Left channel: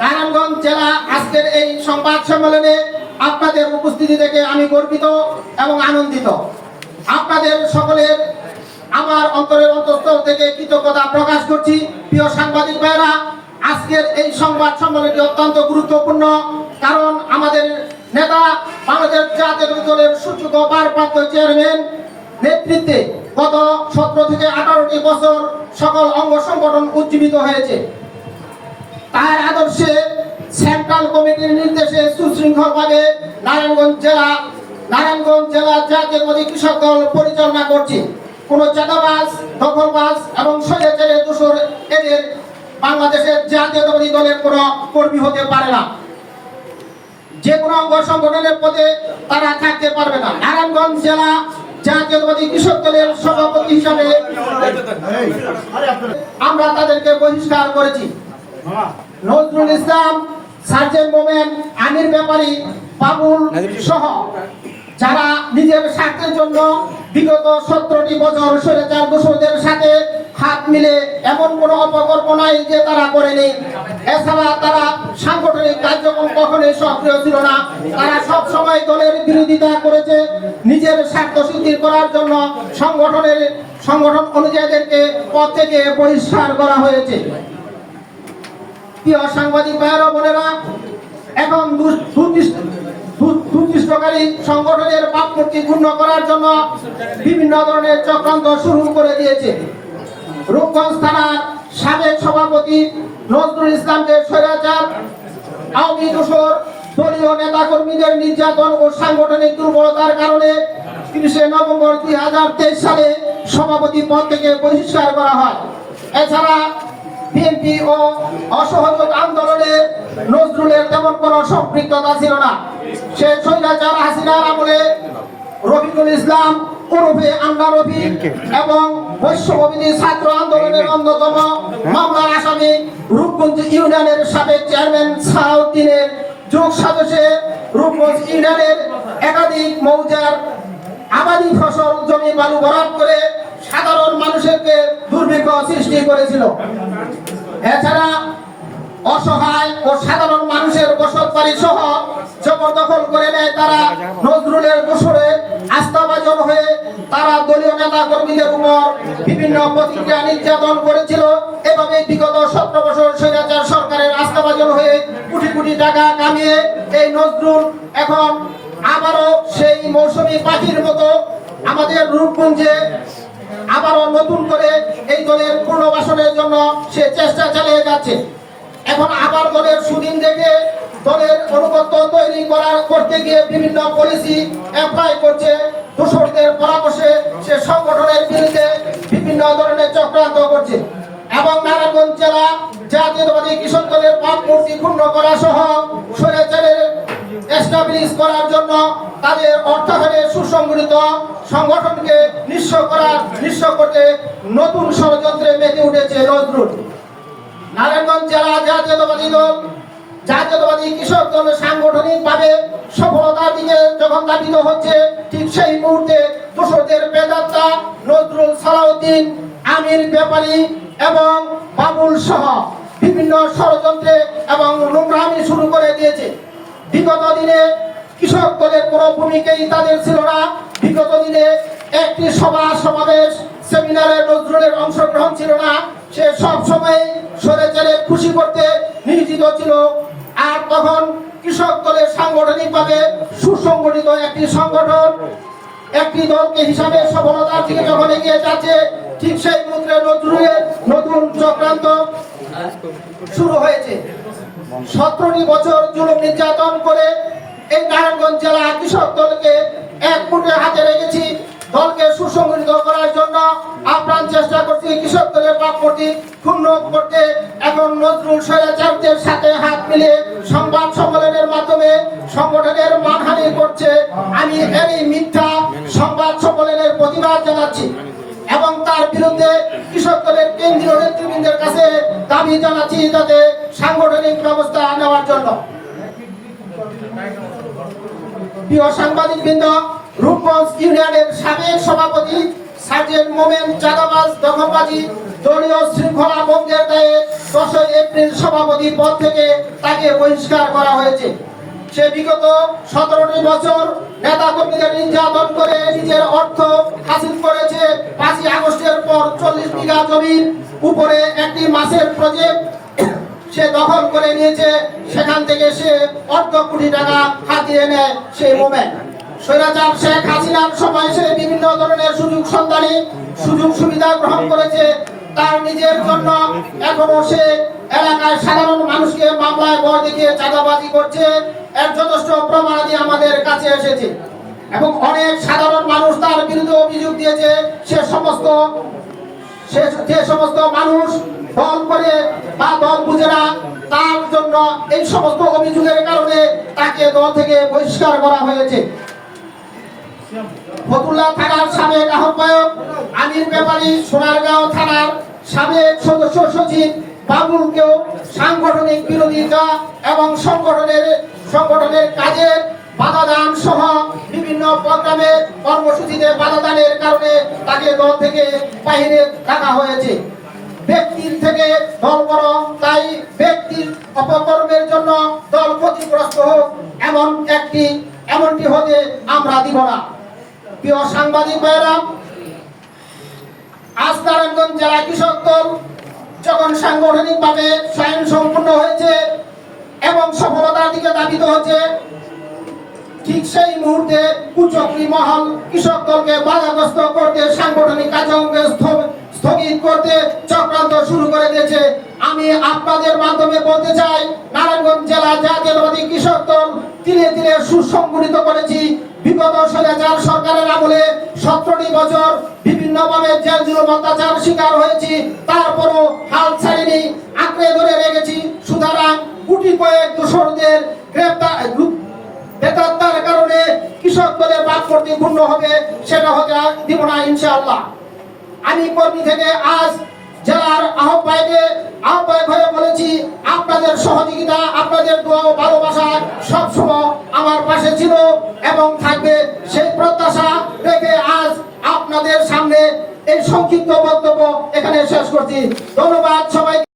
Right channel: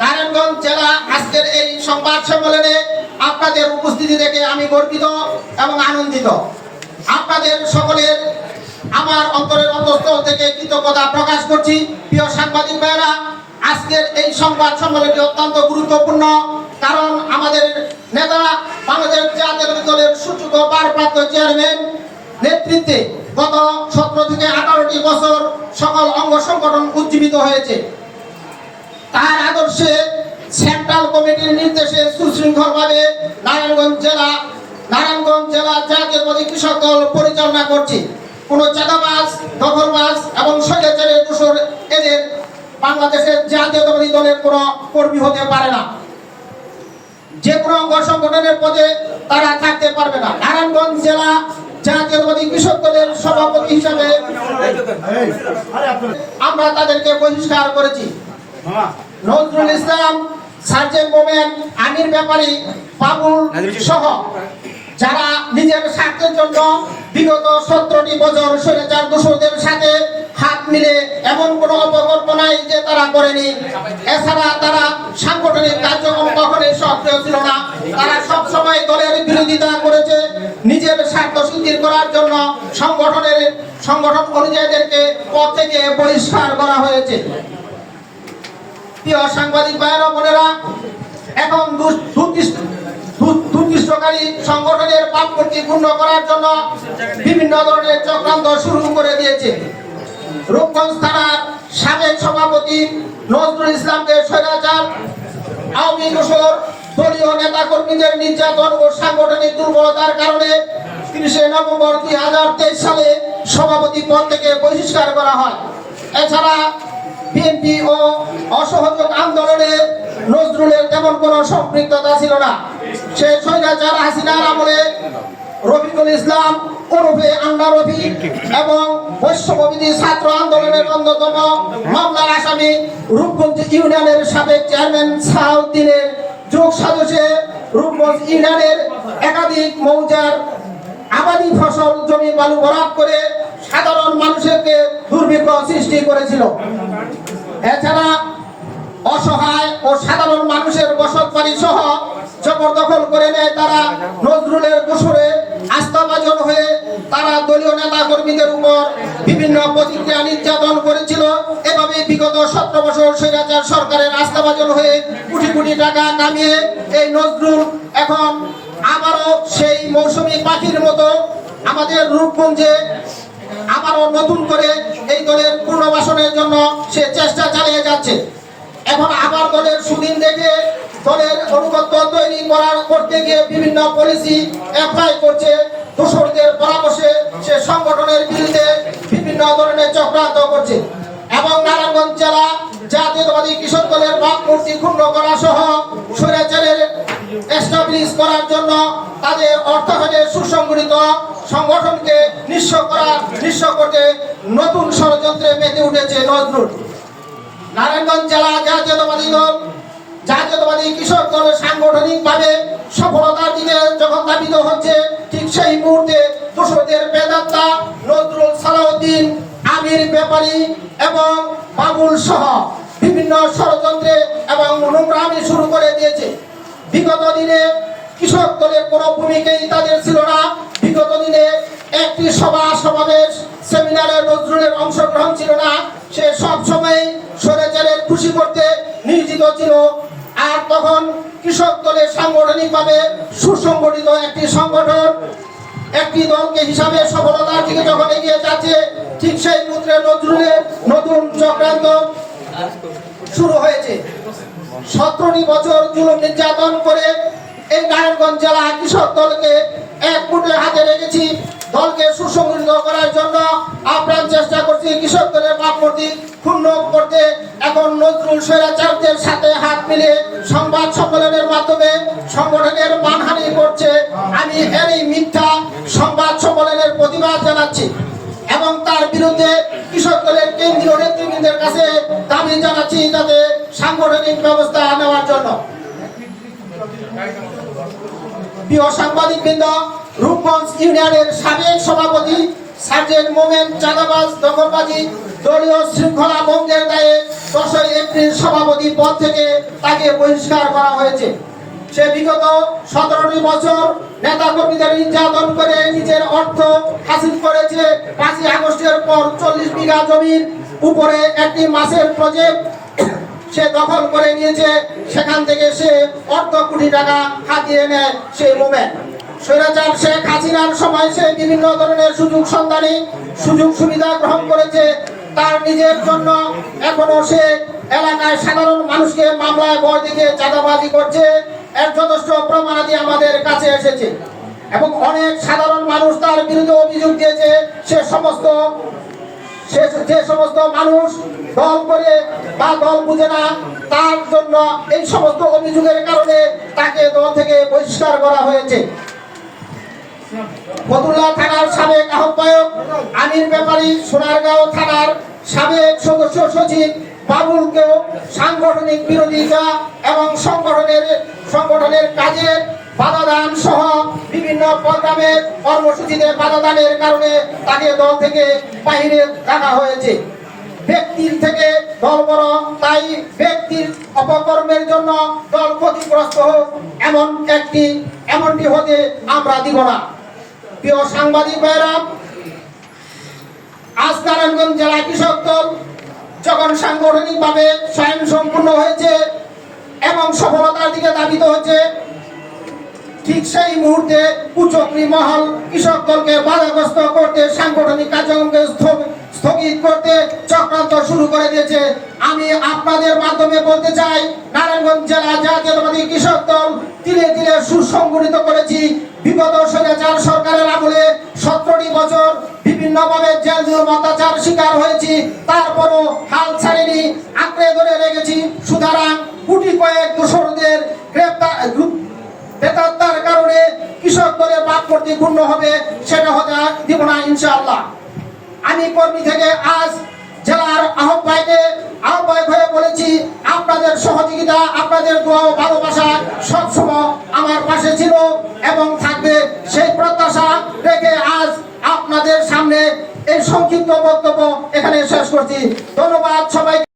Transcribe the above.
নারায়ণগঞ্জ জেলা আজকের এই সংবাদ সম্মেলনে আপনাদের উপস্থিতি দেখে আমি গর্বিত এবং আনন্দিত। আপনাদের সকলের আমার অন্তরের অন্তঃস্থল থেকে কৃতজ্ঞতা প্রকাশ করছি। প্রিয় সাংবাদিক ভাইরা, আজকের এই সংবাদ সম্মেলনটি অত্যন্ত গুরুত্বপূর্ণ, কারণ আমাদের নেতা বাংলাদেশ জাতীয়তাবাদী দলের সুযোগ্য ভারপ্রাপ্ত চেয়ারম্যান নেতৃত্বে গত 17 থেকে 18টি বছর সকল অঙ্গ সংগঠন উজ্জীবিত হয়েছে। তার আদর্শে সেন্ট্রাল কমিটির নির্দেশে সুশৃঙ্খলভাবে নারায়ণগঞ্জ জেলা জাতীয়তাবাদী কৃষক দল পরিচালনা করছে। কোন চাঁদাবাজ, দখলবাজ এবং স্বৈরাচারের দোষর এদের বাংলাদেশের জাতীয়তাবাদী দলের কোন কর্মী হতে পারে না। যে কোনো অঙ্গ সংগঠনের পদে তারা থাকতে পারবে না। নারায়ণগঞ্জ জেলা জাতীয়তাবাদী কৃষক দলের সভাপতি হিসাবে আমরা তাদেরকে বহিষ্কার করেছি। নজরুল ইসলাম, সার্জেন্ট মোমেন, আমির ব্যাপারী, বাবুল সহ যারা নিজের স্বার্থের জন্য বিগত 17টি বছর স্বৈরাচার দোষরদের সাথে হাত মিলে এমন কোন অপকল্প নাই যে তারা করেনি। এছাড়া তারা সাংগঠনিক কার্যক্রম কখনোই সক্রিয় ছিল না। তারা সব সময় দলের বিরোধিতা করেছে। নিজের স্বার্থ সিদ্ধি করার জন্য সংগঠন অনুযায়ীদেরকে পদ থেকে বহিষ্কার করা হয়েছে। প্রিয় সাংবাদিক ভাইয়েরা বোনেরা, এখন দুর্দৃষ্টকারী সংগঠনের ভাবমূর্তি ক্ষুণ্ণ করার জন্য বিভিন্ন ধরনের চক্রান্ত শুরু করে দিয়েছে। রূপগঞ্জ থানার সাবেক সভাপতি নজরুল ইসলামকে স্বৈরাচার, আওয়ামী দোসর, দলীয় নেতা কর্মীদের নির্যাতন ও সাংগঠনিক দুর্বলতার কারণে 30 নভেম্বর 2023 সালে সভাপতি পদ থেকে বহিষ্কার করা হয়। এছাড়া বিএনপি ও অসহযোগ আন্দোলনে নজরুলের তেমন কোনো সম্পৃক্ততা ছিল না। সে স্বৈরাচার হাসিনার আমলে রফিকুল ইসলাম ওরফে আন্ডা রফি এবং বৈশ্যবিরোধী ছাত্র আন্দোলনের অন্যতম মামলার আসামি রূপগঞ্জ ইউনিয়নের সাবেক চেয়ারম্যান সাউদ্দিনের যোগ সাজসে রূপগঞ্জ ইউনিয়নের একাধিক মৌজার আবাদি ফসল জমি বালু ভরাট করে সাধারণ মানুষকে দুর্ভিক্ষ সৃষ্টি করেছিল। এছাড়া অসহায় ও সাধারণ মানুষের বসত বাড়ি সহ জবরদখল করে নেয় তারা। নজরুলের দোসরে আস্থাভাজন হয়ে তারা দলীয় নেতা কর্মীদের উপর বিভিন্ন প্রতিক্রিয়া নির্যাতন করেছিল। এভাবে বিগত 17 বছর স্বৈরাচার সরকারের আস্থাভাজন হয়ে কোটি কোটি টাকা কামিয়ে এই নজরুল এখন আবারও সেই মৌসুমী পাখির মতো আমাদের রূপগঞ্জে আবারও নতুন করে এই দলের পুনর্বাসনের জন্য সে চেষ্টা চালিয়ে যাচ্ছে। এখন আবার দলের সুদিন দেখে দলের অনুগত্য তৈরি করতে গিয়ে বিভিন্ন পলিসি অ্যাপ্লাই করছে। দোসরদের পরামর্শে সে সংগঠনের বিরুদ্ধে বিভিন্ন ধরনের চক্রান্ত করছে এবং নারায়ণগঞ্জ জেলা জাতীয়তাবাদী কৃষক দলের ভাবমূর্তি ক্ষুণ্ণ করা সহ স্বৈরাচারের এস্টাবলিশ করার জন্য তাদের অর্থায়নের সুসংগঠিত সংগঠনকে নিঃস্ব করতে নতুন ষড়যন্ত্রে মেতে উঠেছে নজরুল। নারায়ণগঞ্জ জেলা জাতীয়তাবাদী কৃষক দল সাংগঠনিকভাবে সফলতার দিকে যখন ধাবিত হচ্ছে, ঠিক সেই মুহূর্তে দোসরদের প্রেতাত্মা নজরুল, সালাউদ্দিন, আমির ব্যাপারী এবং বাবুল সহ বিভিন্ন ষড়যন্ত্রে এবং নোংরামি শুরু করে দিয়েছে। বিগত দিনে কৃষক দলের কোনো ভূমিকাই তাদের ছিল না। বিগত দিনে একটি সমাবেশ সেমিনারে নজরুলের অংশগ্রহণ ছিল না। সে সব সময় স্বৈরাচারের খুশি করতে নিয়োজিত ছিল। আর তখন কৃষক দলের সাংগঠনিকভাবে সুসংগঠিত একটি সংগঠন একটি দলকে হিসাবে সফলতার দিকে যখন এগিয়ে যাচ্ছে, ঠিক সেই মুহূর্তে নজরুলের নতুন চক্রান্ত শুরু হয়েছে। 17টি বছর জুলুম নির্যাতন করে এই নারায়ণগঞ্জ জেলা কৃষক দলকে এক মুঠে হাতে রেখেছি। দলকে সুসংগঠিত করার জন্য আপ্রাণ চেষ্টা করছি কৃষক দলের ভাবমূর্তি ক্ষুণ্ণ করতে। এখন নজরুল স্বৈরাচারদের সাথে হাত মিলিয়ে সংবাদ সম্মেলনের মাধ্যমে সংগঠনের মানহানি করছে। আমি এই মিথ্যা সংবাদ সম্মেলনের প্রতিবাদ জানাচ্ছি এবং তার বিরুদ্ধে কৃষক দলের কেন্দ্রীয় নেতৃবৃন্দের কাছে দাবি জানাচ্ছি যাতে সাংগঠনিক ব্যবস্থা নেওয়ার জন্য। প্রিয় সাংবাদিকবৃন্দ, রূপগঞ্জ ইউনিয়নের সাবেক সভাপতি সার্জেন্ট মোমেন চাঁদাবাজ দখলবাজি দলীয় শৃঙ্খলা ভঙ্গের দায়ে 10 এপ্রিল সভাপতি পদ থেকে তাকে বহিষ্কার করা হয়েছে। সে বিগত 17টি বছর নেতা কর্মীদের নির্যাতন করে নিজের অর্থ হাসিল করেছে। 5ই আগস্টের পর 40 বিঘা জমির উপরে একটি মাছের প্রজেক্ট সে দখল করে নিয়েছে। সেখান থেকে সে অর্ধ কোটি টাকা হাতিয়ে নেয় সেই মোমেন্ট। স্বৈরাচার শেখ হাসিনার সময় সে বিভিন্ন ধরনের সুযোগ সুবিধা গ্রহণ করেছে তার নিজের জন্য। এখনো সে এলাকায় সাধারণ মানুষকে মামলায় ভয় দেখিয়ে চাঁদাবাজি করছে। এর যথেষ্ট প্রমাণাদি আমাদের কাছে এসেছে এবং অনেক সাধারণ মানুষ তার বিরুদ্ধে অভিযোগ দিয়েছে। যে সমস্ত মানুষ দল করে বা দল বুঝে না, তার জন্য এই সমস্ত অভিযোগের কারণে তাকে দল থেকে বহিষ্কার করা হয়েছে। ফতুল্লা থানার সাবেক আহ্বায়ক আমির ব্যাপারী, সোনারগাঁও থানার সাবেক সদস্য সচিব বাবুলকেও সাংগঠনিক বিরোধিতা এবং সংগঠনের কাজে বাধাদান সহ বিভিন্ন প্রোগ্রামের কর্মসূচিতে বাধাদানের কারণে তাকে দল থেকে বাহিরে রাখা হয়েছে। ব্যক্তির থেকে দল বড়, তাই ব্যক্তির অপকর্মের জন্য দল ক্ষতিগ্রস্ত হোক এমনটি হতে আমরা দিব না। প্রিয় সাংবাদিক ভাইরা, আজ নারায়ণগঞ্জ জেলা কৃষক দল যখন সাংগঠনিকভাবে স্বয়ংসম্পূর্ণ হয়েছে এবং সফলতার দিকে ধাবিত হচ্ছে, ঠিক সেই মুহূর্তে কুচক্রী মহল কৃষক দলকে বাধাগ্রস্ত করতে, সাংগঠনিক কার্যক্রমকে স্থগিত করতে চক্রান্ত শুরু করে দিয়েছে। আমি আপনাদের মাধ্যমে বলতে চাই, নারায়ণগঞ্জ জেলা জাতীয়তাবাদী কৃষক দল ধীরে ধীরে সুসংগঠিত করেছি। বিগত স্বৈরাচার সরকারের আমলে 17টি বছর বিভিন্নভাবে জেল জুলুম অত্যাচার শিকার হয়েছি, তারপরও হাল ছাড়িনি, আঁকড়ে ধরে রেখেছি। সুতরাং গুটি কয়েক দোষরদের বেকারতার কারণে কৃষক দলের ভাবমূর্তি পূর্ণ হবে, সেটা হতে দিব না ইনশাআল্লাহ। আমি কর্মী থেকে আজ জেলার আহ্বায়ক হয়ে বলেছি, আপনাদের সহযোগিতা, আপনাদের দোয়া ও ভালোবাসা সবসময় আমার পাশে ছিল এবং থাকবে। সেই প্রত্যাশা রেখে আজ আপনাদের সামনে এই সংক্ষিপ্ত বক্তব্য এখানে শেষ করছি। ধন্যবাদ সবাই।